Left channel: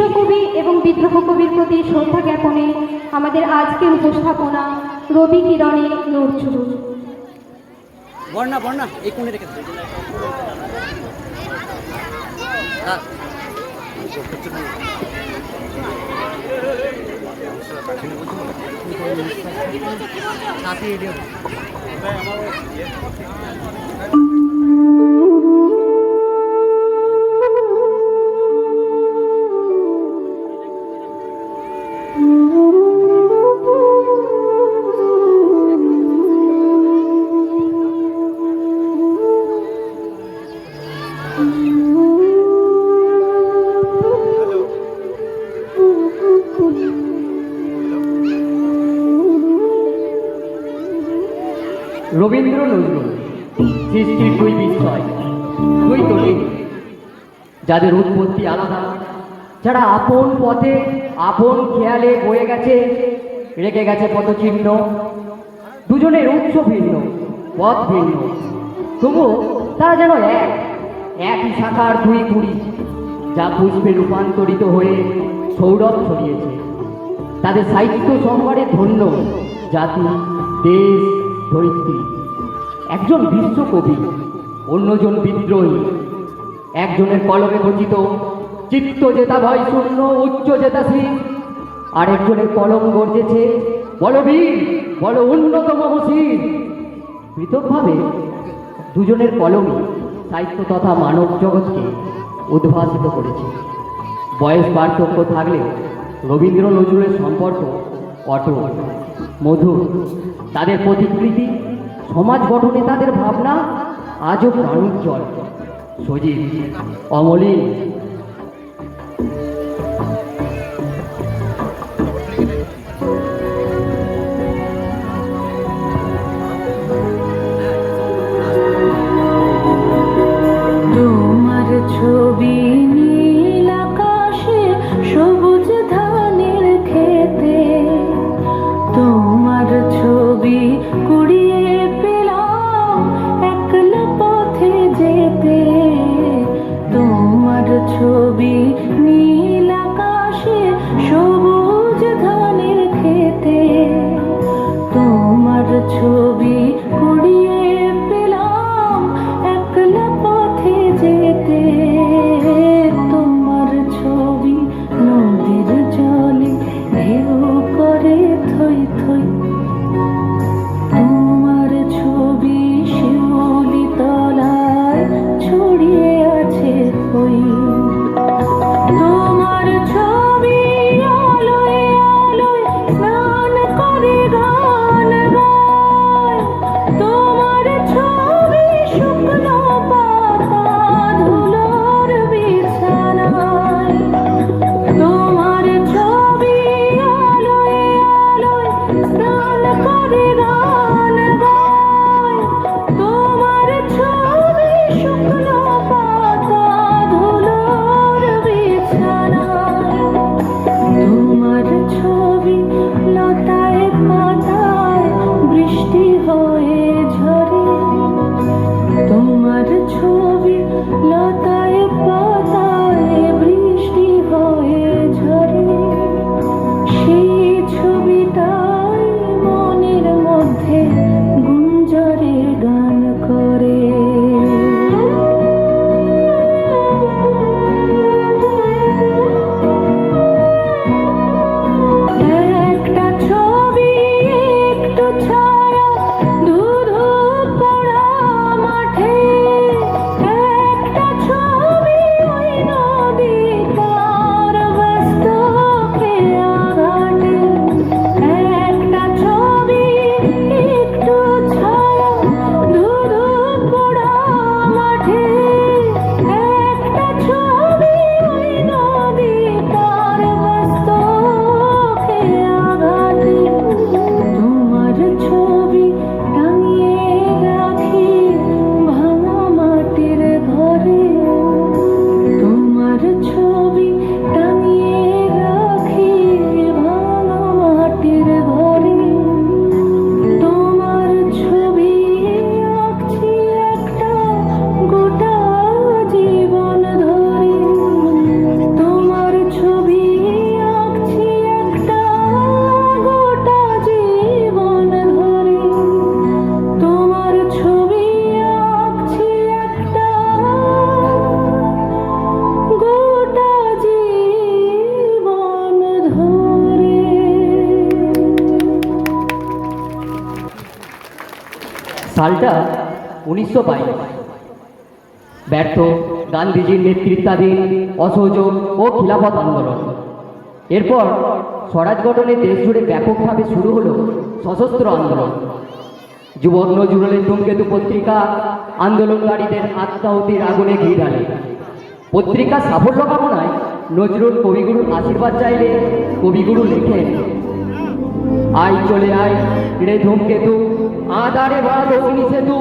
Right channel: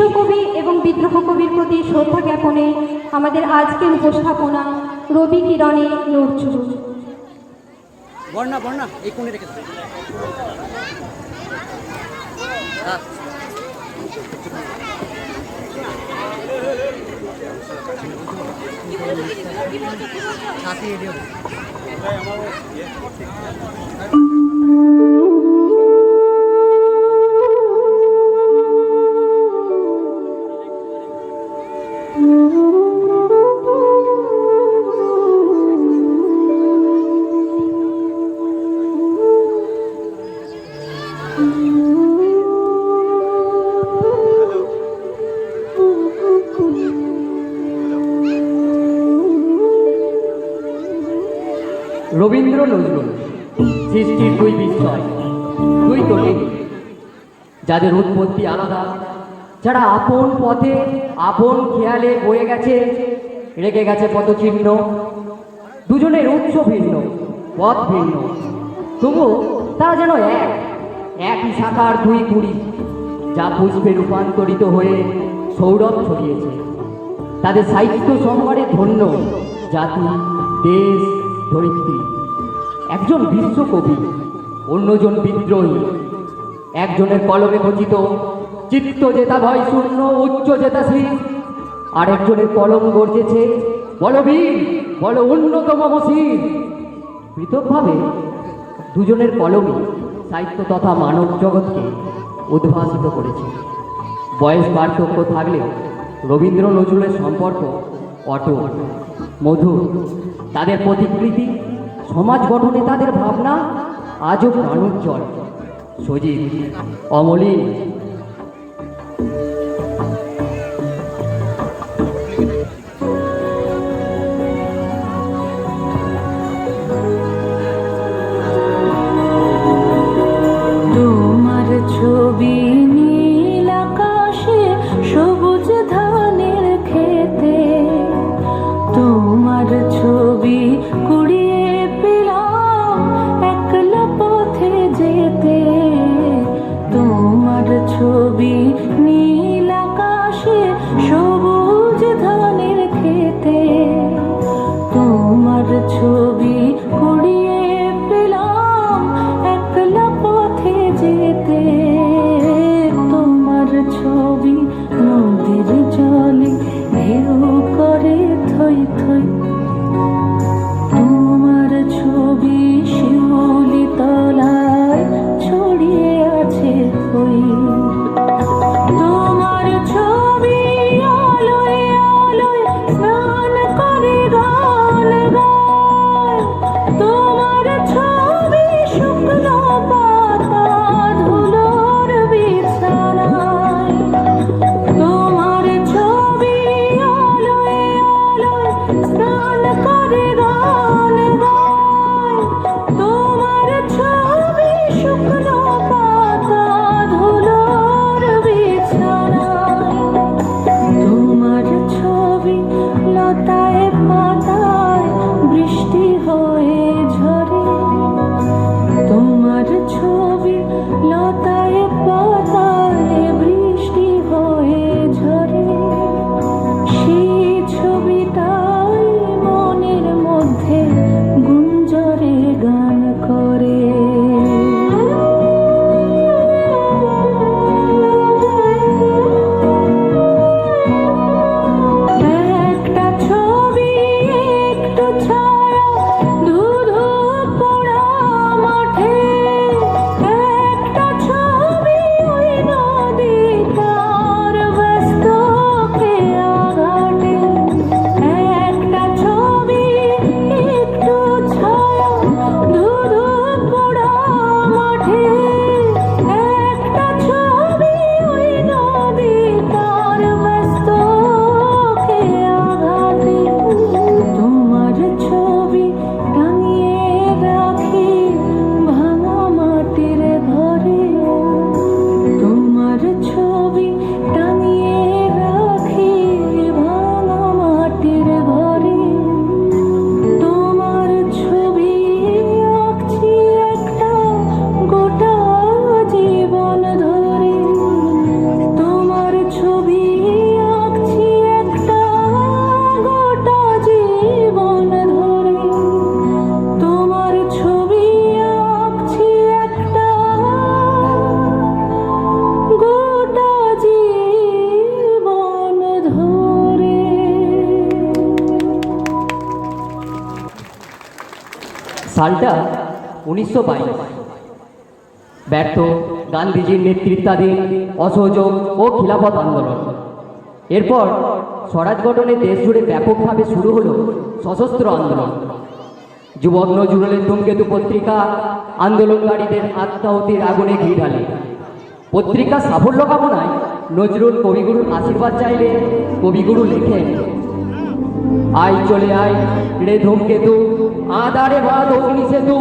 বিশ্বকবি এবং বিদ্রোহ কবির প্রতি শ্রদ্ধা জ্ঞাপনে আমাদের আজকের উপস্থাপনা রবি কিরণে নড়ছুড়ু। বর্ণা বর্ণা এই কোণে রেখে দেবে। রবীন্দ্র নজরুল সৃষ্টির দুই বিষয়, দুই কবি যাদের উৎপত্তি আলাদা, যারা আপন পথে আপন খেয়ালে বয়ে গেছে, রেখে গেছে পথচিহ্ন। দুজনের উৎস ভিন্ন, পথ ভিন্ন, তবুও তারা যেন একই শাখার দুই কুড়ি, যা পুষ্পে রূপান্তরিত হয়ে সৌরভ ছড়িয়েছে। তাদের সাহিত্য সম্ভারে ধন্য জাতি, দেশ, ধরিত্রী। একজন বিশ্বকবি, অন্যজন বিদ্রোহী। একজনের কলমে খচিত চিত্ত জেতা ভয় শূন্য উচ্চ জেতাশীল, আর একজনের কলম গর্জেছে বলবীর, বল অন্যতম বসির। পৃথকভাবে দুজনের কলমই সাহিত্য তথা মানব জগৎকে উদ্ভাসিত করেছে। বয়স পার্থক্য থাকলেও রবীন্দ্র নজরুলের সম্পর্ক অটুট, মধুর। তাদের প্রতিকৃতি, সমাজ গঠনে তাদের ভাবনা আজও প্রাণোজ্জ্বল, সজীব, অমলিন। তোমার ছবি নীল আকাশে, সবুজ ধানের খেতে, তোমার ছবি কুড়িয়ে পেলাম একলা পথে যেতে, তোমার ছবি নীল সালটা 1922। ব্যর্থ গান্ধীজির নেতৃত্বাধীন অসহযোগ ও খিলাফত আন্দোলন। এরপর স্বরাজ গঠনে দেশ জুড়ে ব্যাপকভাবে শুরু হলো সশস্ত্র আন্দোলন। যুবক নজরুলের ধূমকেতু পত্রিকা আন্দোলনকারীদের আত্মাহুতির আগুনে ঘি ঢালে। পত্রিকার সাফল্য কামনায় নজরুল কবিগুরুর আশীর্বাদ চাইলে কবিগুরু লেখেন, আয় চলে আয় রে ধূমকেতু, আধারে বাদ অগ্নি সেতু,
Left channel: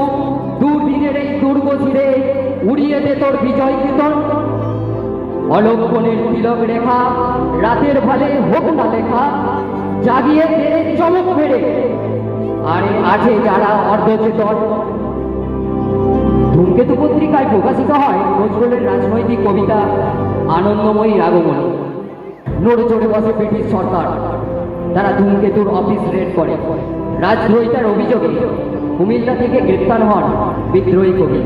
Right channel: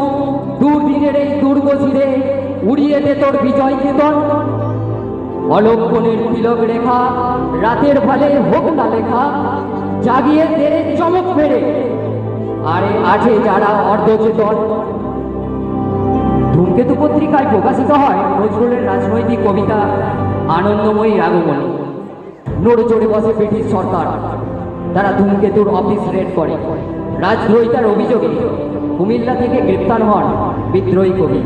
দুর্দিনের এই দুর্গ ছিঁড়ে উড়িয়ে দে তোর বিজয় কেতন। অলক্ষণের তিলক রেখা রাতের ভালে হোক না লেখা, জাগিয়ে দে চমক ফেরে আরে আছে যারা অর্ধচেতন। ধূমকেতু পত্রিকায় প্রকাশিত হয় নজরুলের রাজনৈতিক কবিতা আনন্দময়ী আগমনী। নড়ে চড়ে বসে ব্রিটিশ সরকার, তারা ধূমকেতুর অফিস রেড করে। রাজদ্রোহিতার অভিযোগে কুমিল্লা থেকে গ্রেপ্তার হন বিদ্রোহী কবি।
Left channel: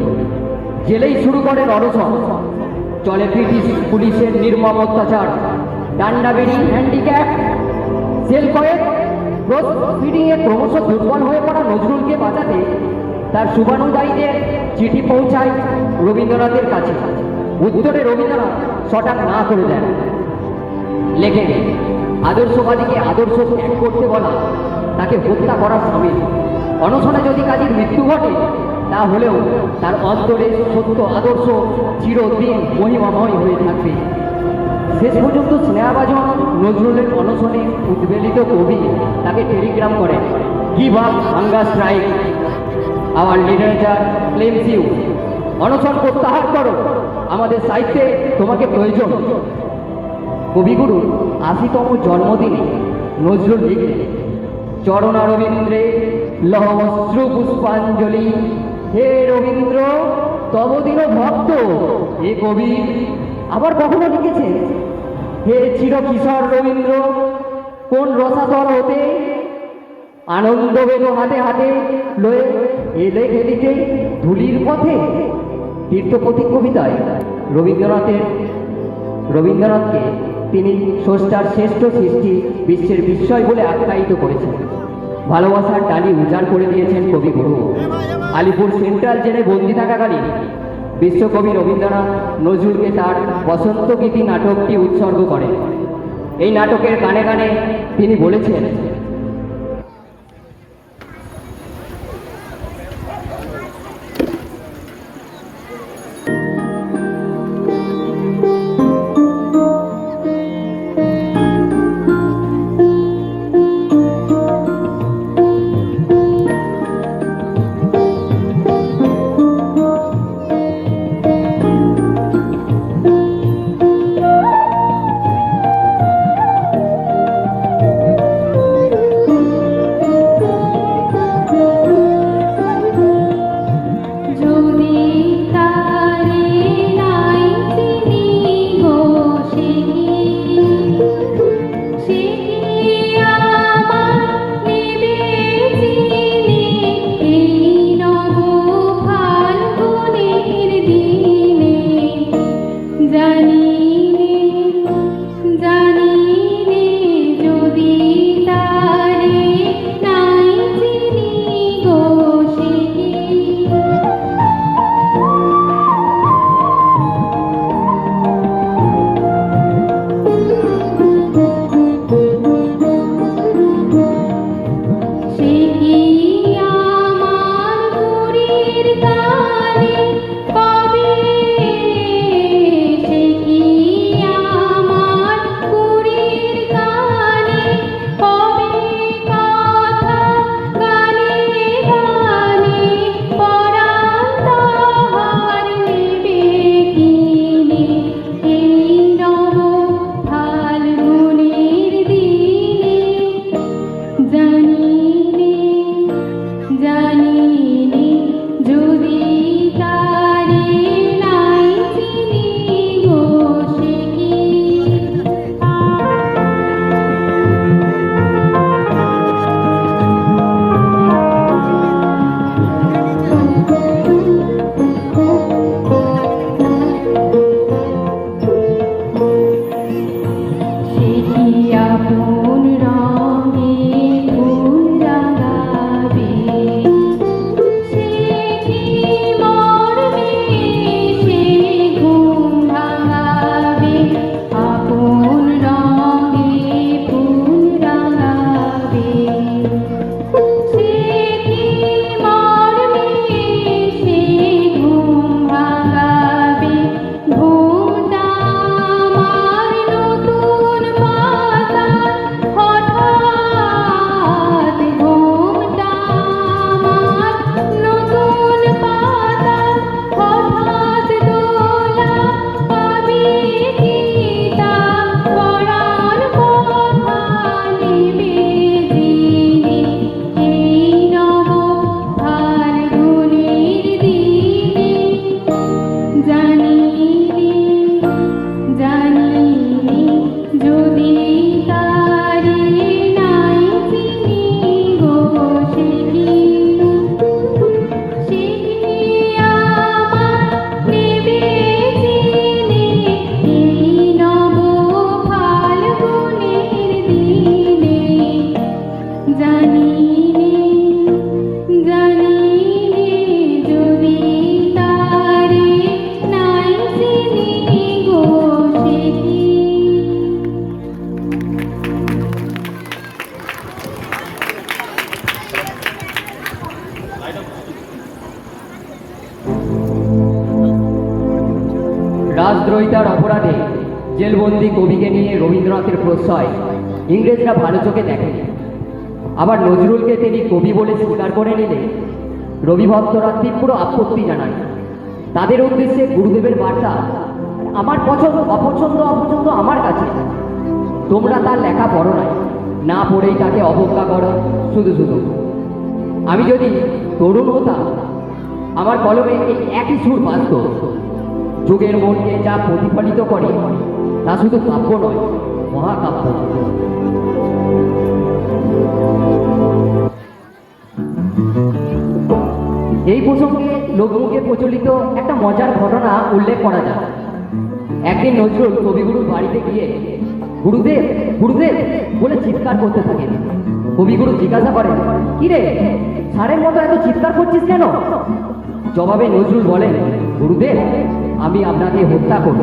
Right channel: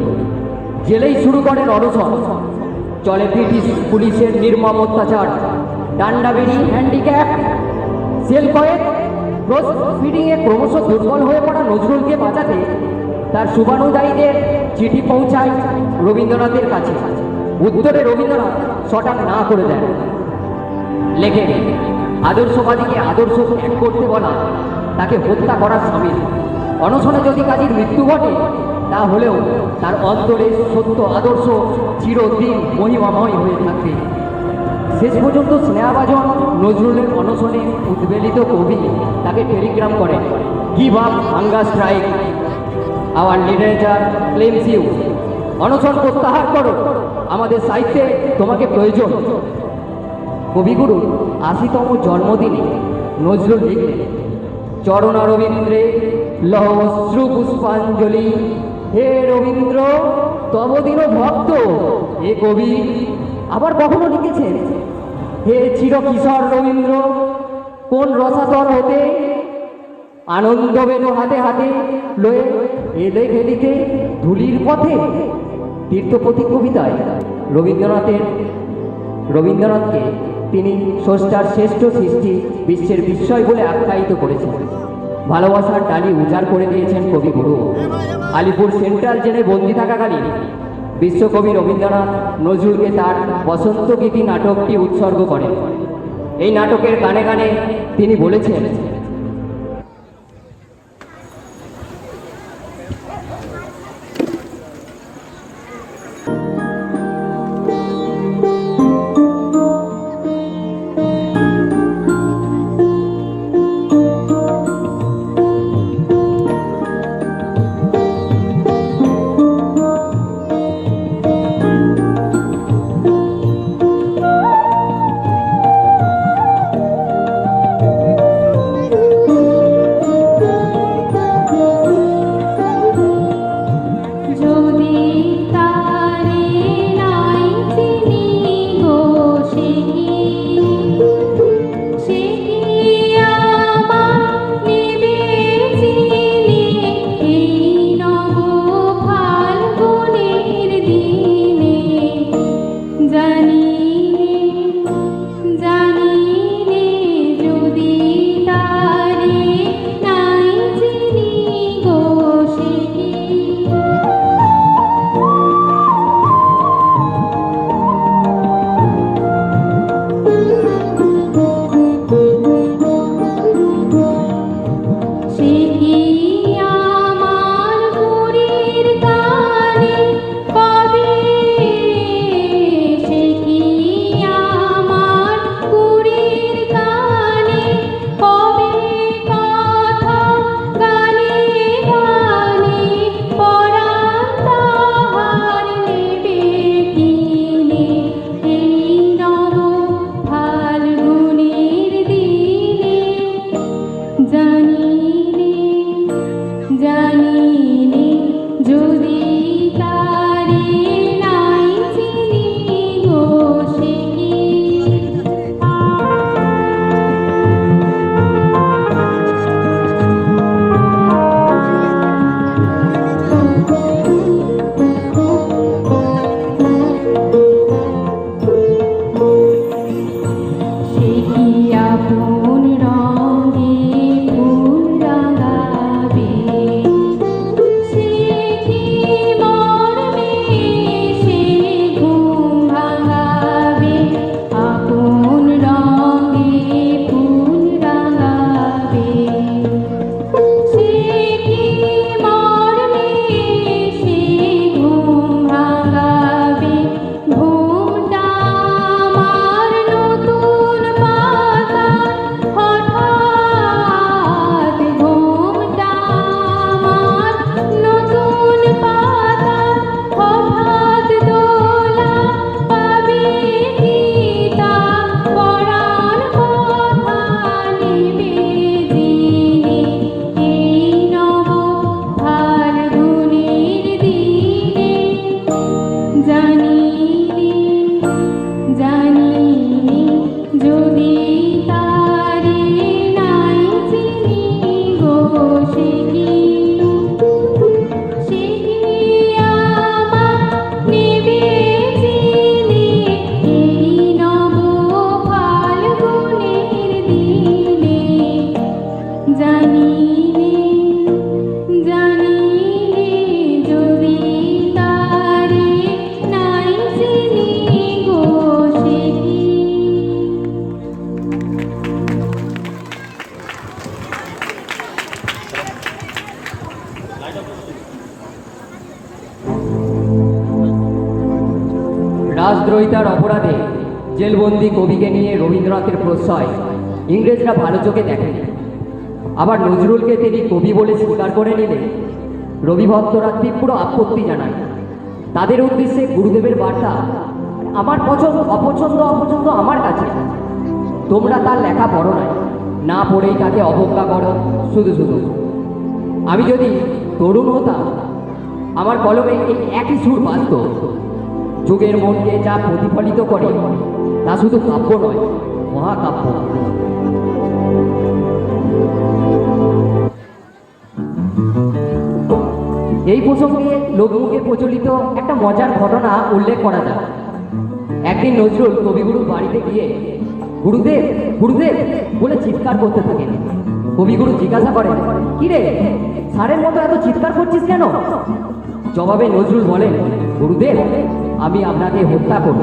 জেলেই শুরু করেন অনশন। চলে ব্রিটিশ পুলিশের নির্মম অত্যাচার, ডান্ডাবেরি, হ্যান্ডিক্যাপ, সেল কয়েক ফিডিংয়ে ক্রমশ দুর্বল হয়ে পড়া নজরুলকে বাঁচাতে তার শুভানুদায়ীদের চিঠি পৌঁছায় রবীন্দ্রনাথের কাছে। উত্তরে রবীন্দ্রনাথ শটাক না করে দেন, লেখেন, আদর্শবাদীকে আদর্শ ত্যাগ করতে বলা তাকে হত্যা করার সামিল। অনশনে যদি কাজীর মৃত্যু ঘটে তা হলেও তার অন্তরে সত্য আদর্শ চিরদিন মহিমাময় হয়ে থাকবে। শেষ পর্যন্ত স্নেহাভাজন নজরুলের অনশনে উদ্বেলিত কবি তাকে টেলিগ্রাম করেন, give up hunger strike, our literature claims you. অনশন প্রত্যাহার করো, আমাদের সাহিত্যে তোমাকে প্রয়োজন। কবিগুরু ৮০তম জন্মদিনে নজরুল লিখলেন, চরণা রবীন্দ্রে লহ অশ্রু পুষ্পাঞ্জলি, হে রবীন্দ্র তব দিন ভক্ত হে কবি। আবার কখনো লিখেছেন, হে চির কিশোর রবীন্দ্র কোন রসাতল হতে আনন্দ বেদ হাতে হাতে লয়ে এলে খেলিতে ধুলির পথে। তীর্থপথিক কবিতায় রবীন্দ্রনাথকে তিনি স্রষ্টার শ্রেষ্ঠ সৃষ্টি, বিশ্বের বিস্ময় বলে আখ্যায়িত করেছেন। ভালোবাসার ডালি উজাড় করে দিয়েছেন কবিগুরু। আলিপুর সেন্ট্রাল জেলে বন্দী থাকাকালীন বিশ্বকবি রবীন্দ্রনাথ নজরুলকে তার বসন্ত গীতি নাটকটি উৎসর্গ করেন। এই নাটকের গানে গানে তিনি বলেছেন, রাজদ্রোহিতার অপরাধে জেলবন্দি কবিকে নিয়ে রবীন্দ্রনাথের প্রশ্রয় ইংরেজরা ভালো চোখে দেখেনি। আবার নজরুলকে তিনি কবি বলে স্বীকার করে নিলে রবি ভক্তরা তীব্র আপত্তি জানায়। তাদের উদ্দেশ্যে গুরুদেবের বার্তা, আমার পছন্দ অপছন্দ আমার কাছে, তোমরা তার লেখা পড়ো নাই, না পড়েই তাকে অবজ্ঞা করো শুধু শুধু। আমি যদি তরুণ হতাম, আমার কলমে এই একই সুর বাজত। যুগের মনকে যা প্রতিফলিত করে তা শুধু কাব্য নয়, মহাকাব্য। এই প্রসঙ্গে লোকমুখে প্রচলিত একটা মজার ঘটনা উল্লেখ করা যায়। একদিন নজরুল কবিগুরুর বাড়িতে গিয়ে গুরুদেব গুরুদেব বলে চিৎকার করতে থাকেন। কবিগুরু জিজ্ঞাসা করেন, কি রে, সারের মতো এত চিৎকার করছিস কেন? জবাবে নজরুল বলেন, গুরুদেব, আমি আপনাকে হত্যা করব।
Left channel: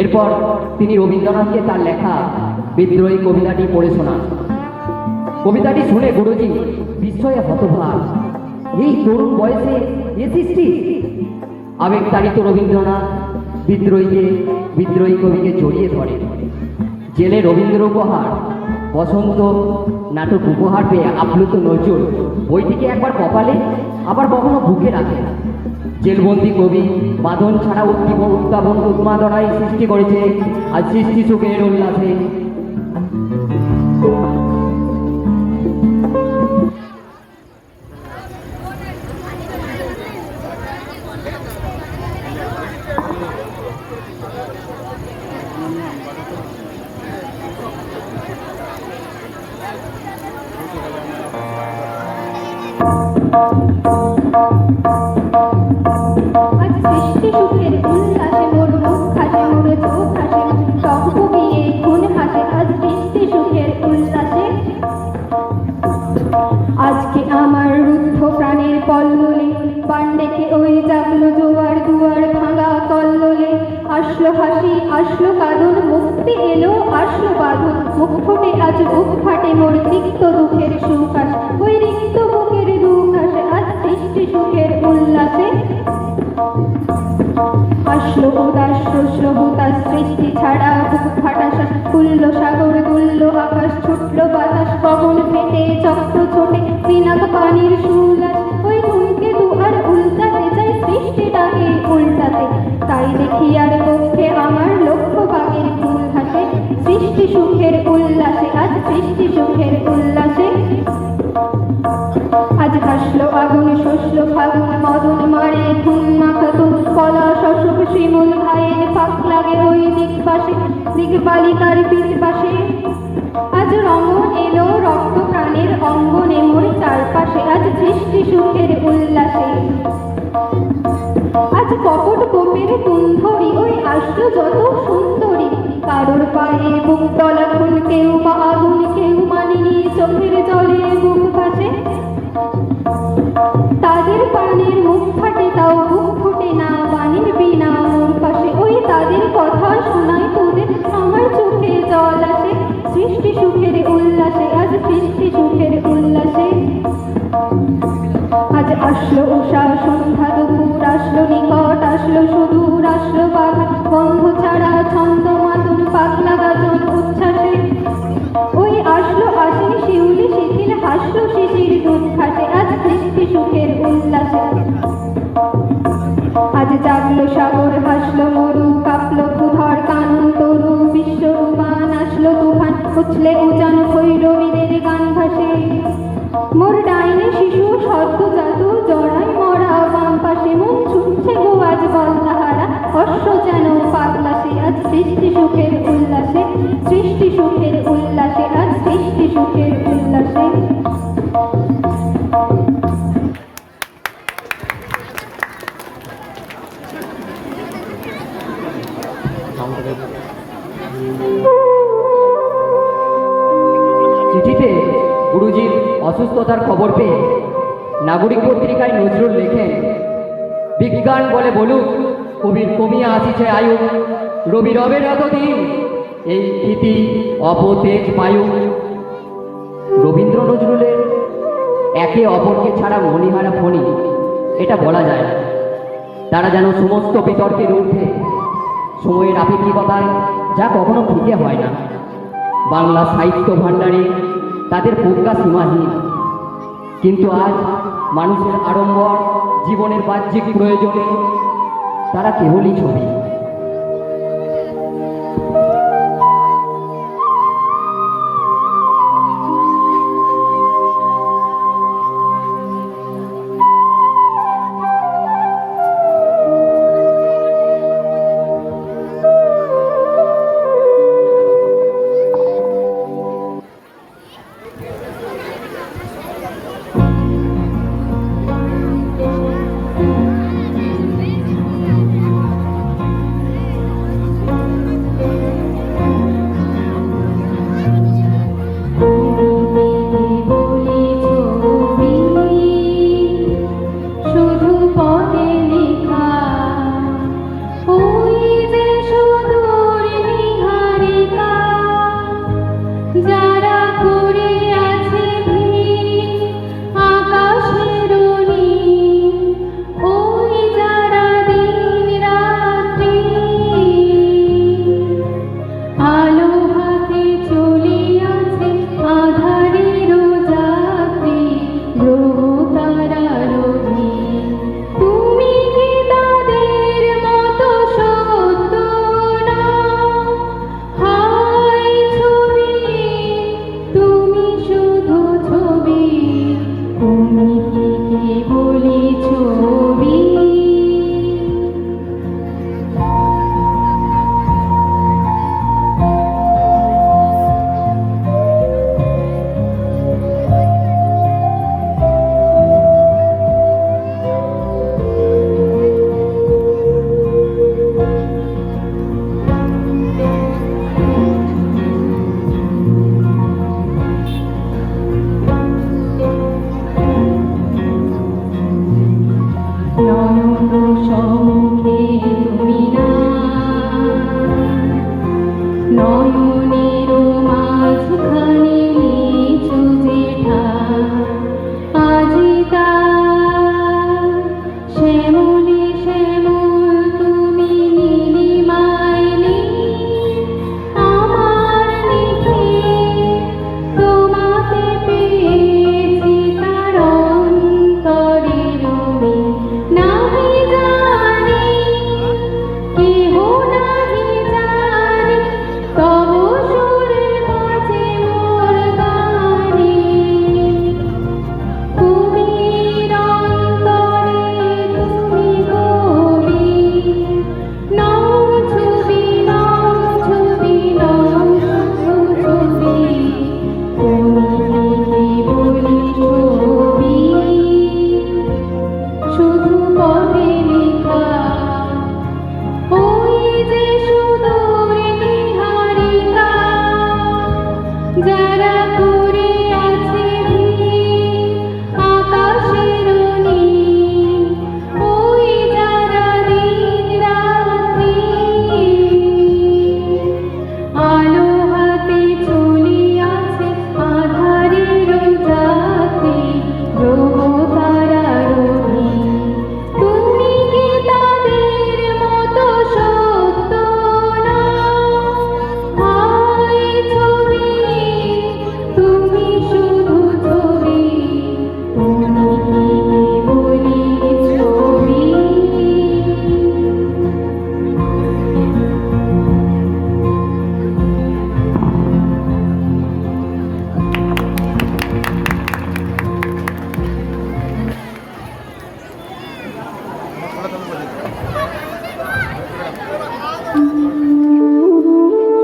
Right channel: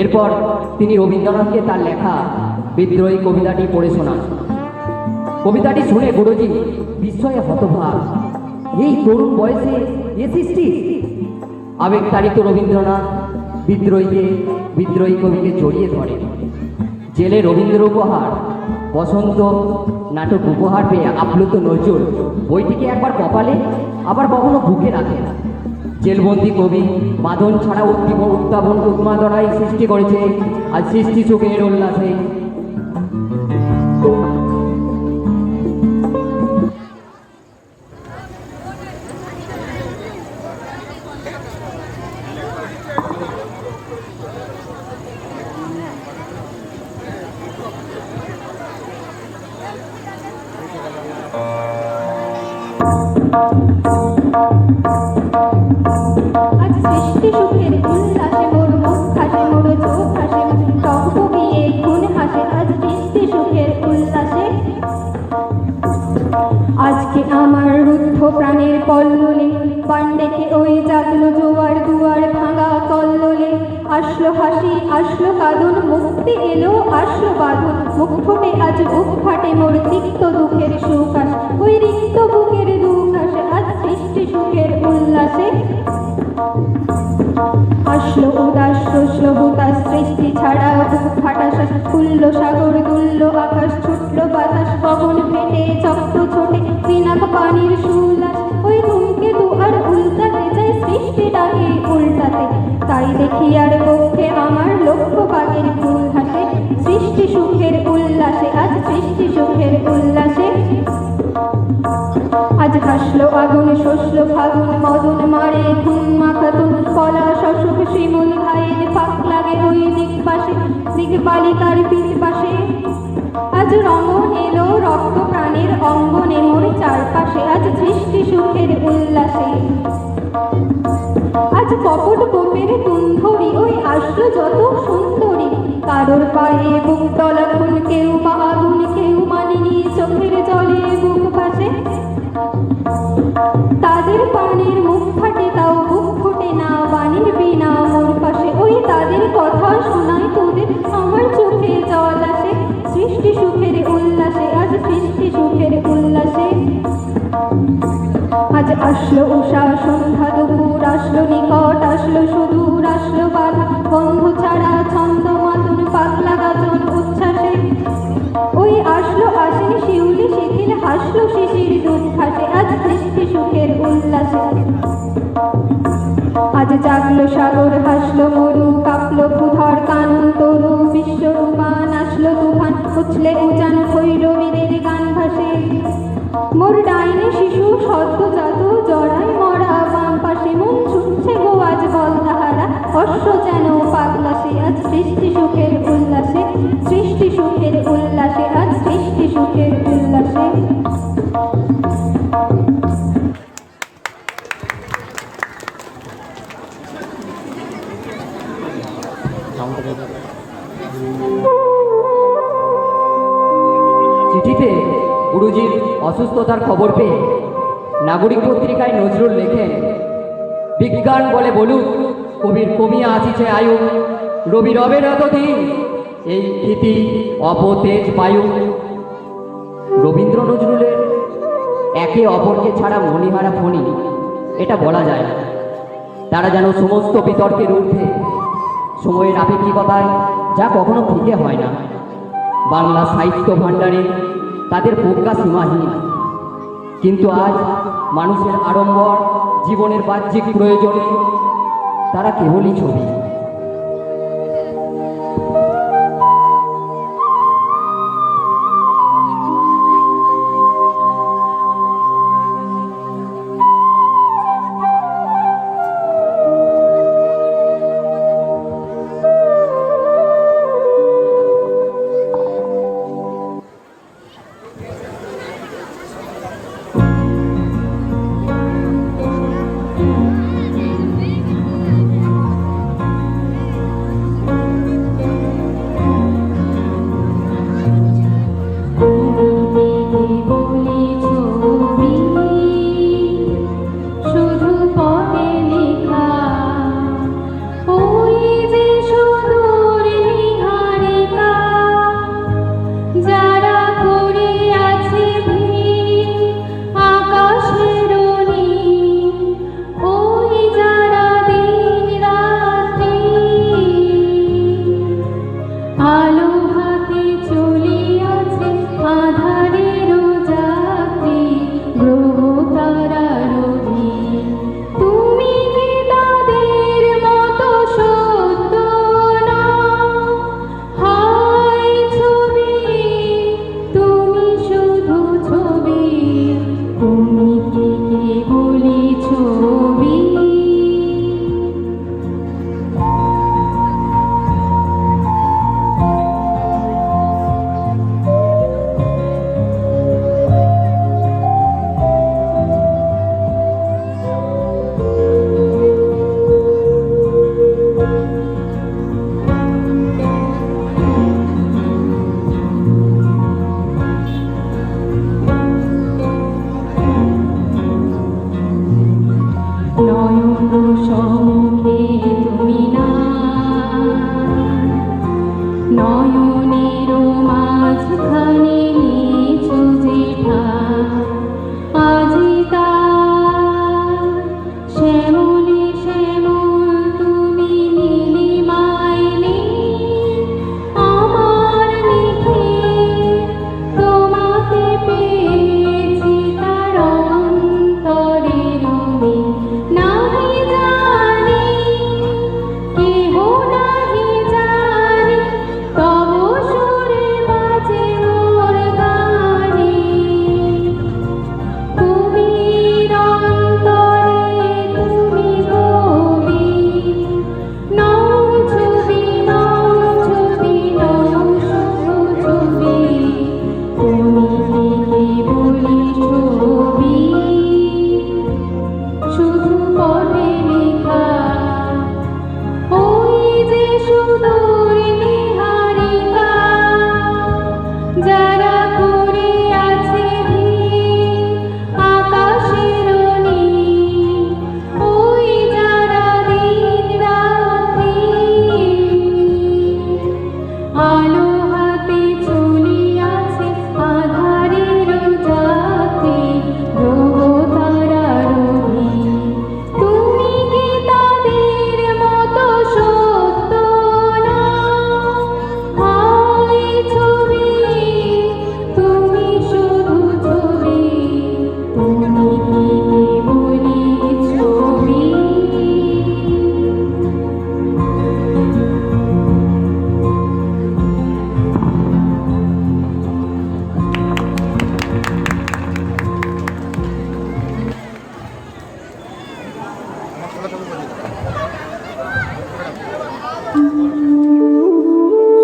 এরপর তিনি রবীন্দ্রনাথকে তার লেখা বিদ্রোহী কবিতাটি পড়ে শোনান। কবিতাটি শুনে গুরুজি বিস্ময়ে হতবাক। এই তরুণ বয়সে এ সৃষ্টি! আবেগতাড়িত রবীন্দ্রনাথ বিদ্রোহী কবিকে জড়িয়ে ধরে। জেলে রবীন্দ্র উপহার, বসন্ত নাটক উপহার পেয়ে আপ্লুত নজরুল বইটিকে একবার কপালে আবার কখনো বুকে রাখে। জেলবন্দি কবি বাঁধন ছাড়া উন্মাদনায় সৃষ্টি করেছে আর সৃষ্টি সুখের উল্লাসে। আজ সৃষ্টি সুখের উল্লাসে মোর মুখ হাসে, মোর চোখ হাসে, টক বিয়ে খুন হাসে। আজ সৃষ্টি সুখের উল্লাসে আজকে আমার রুদ্ধ প্রাণের পল্ললে বান ডেকে ওই জাগলো জোয়ার দুয়ার ভাঙা কল্লোলে। আসলো হাসি, আসলো কাঁদন, মুক্তি এলো, আসলো বাঁধন। মুখ ফোটে আজ বুক ফাটে, মোর তিক্ত দুঃখের সুখ আসে, ওই রিক্ত বুকের দুঃখ আসে। আজ সৃষ্টি সুখের উল্লাসে আসলো উদাস রুদ্র হুতাশ, সৃষ্টি ছাড়া বুক ফাটা শ্বাস। খুললো সাগর, দুললো আকাশ, ছুটলো বাতাস, পবন ফেটে চক্র ছোটে, পিনাক পানির সুলাস। ওই ধূমকেতু আর উল্টাতে চাই, সৃষ্টিটাকে উল্টাতে। তাই দেখি আর পক্ষে আমার লক্ষ্য বাগের ফুল ঘাটে। সৃষ্টি সুখের উল্লাসে আজ সৃষ্টি সুখের উল্লাসে আজ হাসলো আগুন, শসলো ফাগুন, মদন মারে ধুম মাখাতুন। কলা শশক শিমুল আইন ফাঁক লাগে ওই দিক পাশে, দিক বালিকার পিঠ পাশে। আজ রঙন এলো রক্ত প্রাণের অঙ্গনে মোর চারপাশে। আজ সৃষ্টি সুখের উল্লাসে আজ কপট কোপের তুন্ধরি, ওই আসলো যত সুন্দরী। কারোর পায়ে বুক তলা খুন, কেউ বা আগুন, কেউ মানিনি চোখের জলে বুক ভাসে। তাদের প্রাণের মুখ ফাটে, তাও বুক ফোটে না বাণীর বিনা মোর পাশে। ওই তাদের কথা শোনায় তোদের, আমার চোখে জল আসে। সৃষ্টি সুখের উল্লাসে আজ সৃষ্টি সুখের উল্লাসে আজ আসলো উষা সন্ধ্যা দুপুর, আসলো নিকট, আসলো সুদূর, আসলো বাঘা বন্ধ ছাড়া ছন্দ মাতন, পাগলা গাজন উচ্ছ্বাসে। ওই আসলো আসেনি শিউলি শিথিল, হাসলো শিশির দুধ খাসে। আজ সৃষ্টি সুখের উল্লাসে আজ জাগলো সাগর, হাসলো মরু, কাঁপলো ক্ষুধার কানন তরু। বিশ্বরূপান আসলো তুফান, উছলে উজান ভৈরবীদের গান ভাসে। মোর ডাইনে শিশু সদ্যজাত, জড়াই মরা বাম পাশে। মন ছুটছে গো আজ বল তাহারা, অশ্ব যেন পাগলাসে। আজ সৃষ্টি সুখের উল্লাসে সৃষ্টি সুখের উল্লাসে আজ সৃষ্টি সুখের উল্লাসে। চিঠিতে গুরুজির অসুস্থতার খবর পেয়ে নাগরিক পত্রিকায় নজরুল লেখেন, বিজ্ঞান বলে বলুক কবির কমিয়া আসিছে আয়ু। রবি রবের এতদিন এই ভীতি অপতেজ বায়ু। রবীন্দ্র নজরুলের একে অপরকে ছাড়া মণিহারা ফণি, এটা বলা যায় না। তারা যেন সমস্ত বিতর্কের ঊর্ধ্বে সময়ের আপেক্ষিকতায় যা কখনো ফিকে হয় না। বাংলা সাহিত্য ভাণ্ডারে তাদের প্রজ্ঞা সীমাহীন, কিন্তু আজ মানুষের আড়ম্বর জীবনের বাহ্যিক প্রয়োজনে তারা কেবলই ছবি।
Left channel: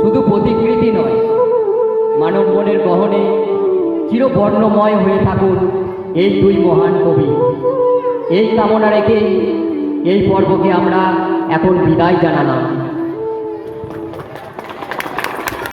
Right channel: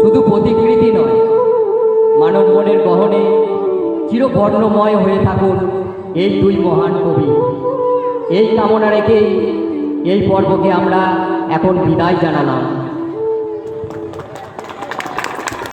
শুধু প্রতিকৃতি নয়, মানব মনের গহনে চিরবর্ণময় হয়ে থাকুন এই দুই মহান কবি। এই কামনা রেখেই এই পর্বকে আমরা এখন বিদায় জানালাম।